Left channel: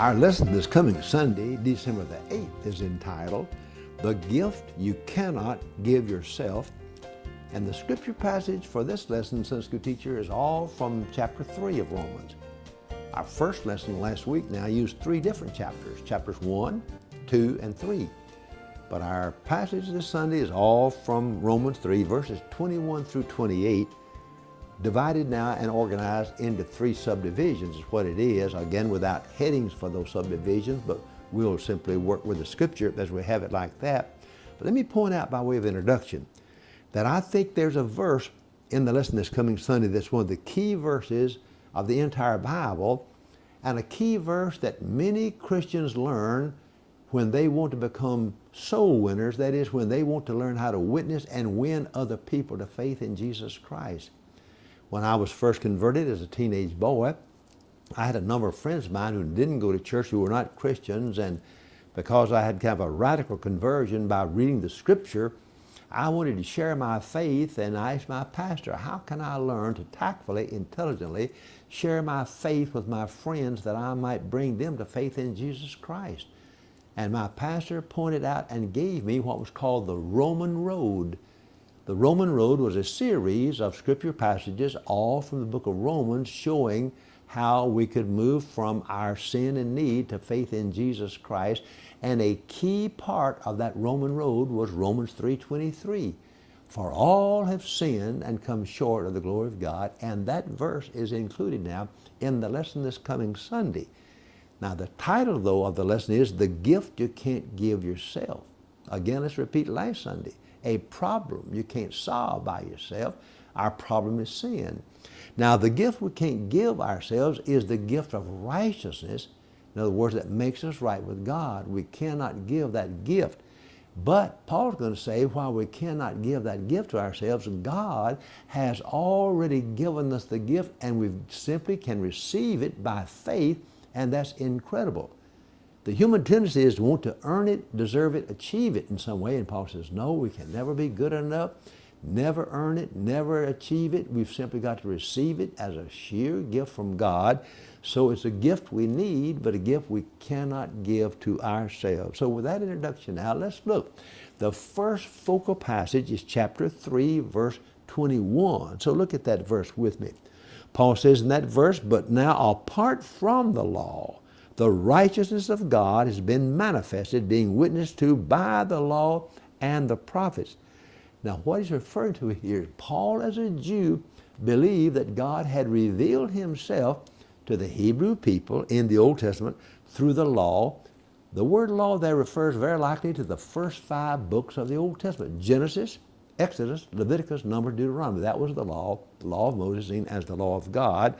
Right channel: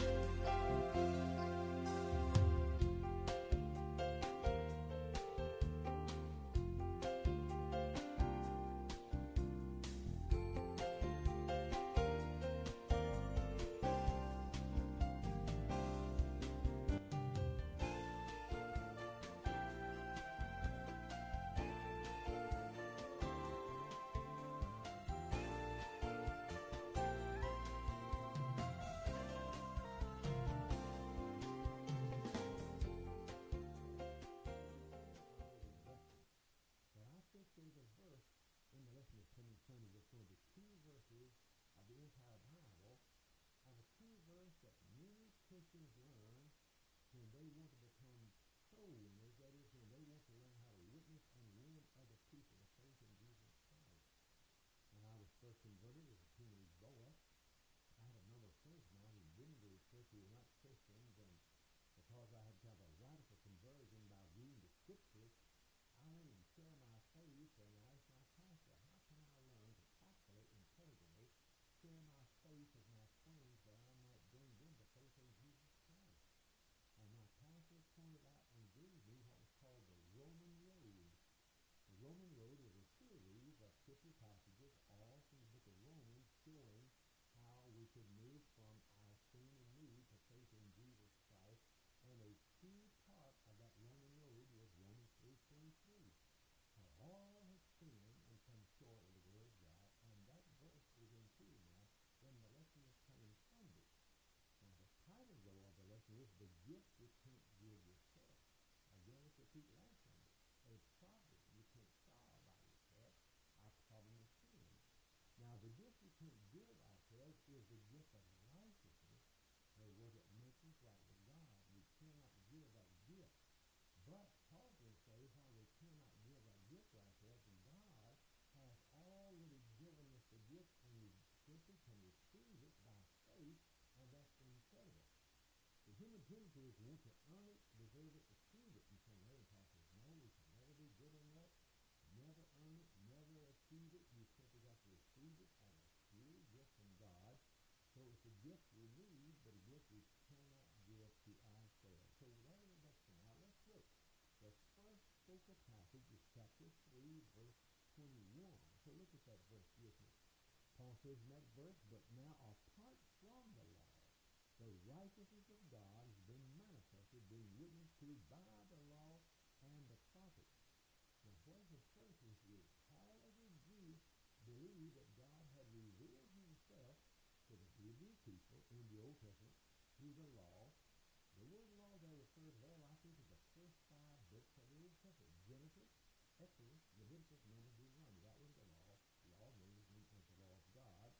Our lesson this coming Sunday, December the 8th, is entitled, The Gift You Cannot Give Yourself. And the scripture passage for this lesson, Sunday School teacher, is all from chapter 3 of Romans. Our first lesson last week now used 3 different chapters, chapters 1, 2, and 3. But our passage this Sunday is all from Romans 3, verses 21 through 28, divided now and organized into 3 subdivisions is what it is, again without headings for those subdivisions, but we'll simply work with the scripture as we have it like that. But let me point out by way of introduction that I think there's a verse in the lesson this coming Sunday that's one of the key verses of the entire Bible, and a key verse that many Christians learn when they want to become soul winners, that is, when they want to learn how to witness and win other people to faith in Jesus Christ. When I was first converted as a teenage boy, I had a number of friends of mine who didn't go to church, who were not Christians, and because I had kind of a radical conversion by reading the scripture, I wanted to share my faith, and I asked my pastor, how can I learn to tactfully, intelligently share my faith with my friends that I might bring them to faith in Jesus Christ? And my pastor pointed out and gave me what was called the Roman Road. The Roman Road was a series of scripture passages, all from the book of Romans, showing how we could move from our sin and need to faith in Jesus Christ. And a key part of that Roman road was Romans 3:23. For all have sinned and come short of the glory of God. And that verse is included now in the lesson this coming Sunday. Now the title, though, of the lesson is The Gift You Can't Give Yourself. Again, let's repeat last Sunday. A problem you can't solve by yourself. Our problem is sin. Now the gift we can't give ourselves is the gift of righteousness. In other words, that makes us right with God. We cannot give that gift. But Paul's going to say, while we cannot give that gift to ourselves, God has already given us the gift, and we simply can receive it by faith, and that's incredible. The human tendency is to want to earn it, deserve it, achieve it in some way, and Paul says, no, we can never be good enough, never earn it, never achieve it. We've simply got to receive it as a sheer gift from God. So it's a gift we need, but a gift we cannot give to ourselves. So with that introduction now, let's look. The first focal passage is chapter 3, verse 21. So look at that verse with me. Paul says in that verse, but now apart from the law, the righteousness of God has been manifested, being witnessed to by the law and the prophets. Now what he's referring to here, Paul as a Jew believed that God had revealed himself to the Hebrew people in the Old Testament through the law. The word law there refers very likely to the first 5 books of the Old Testament. Genesis, Exodus, Leviticus, Numbers, Deuteronomy. That was the law of Moses seen as the law of God.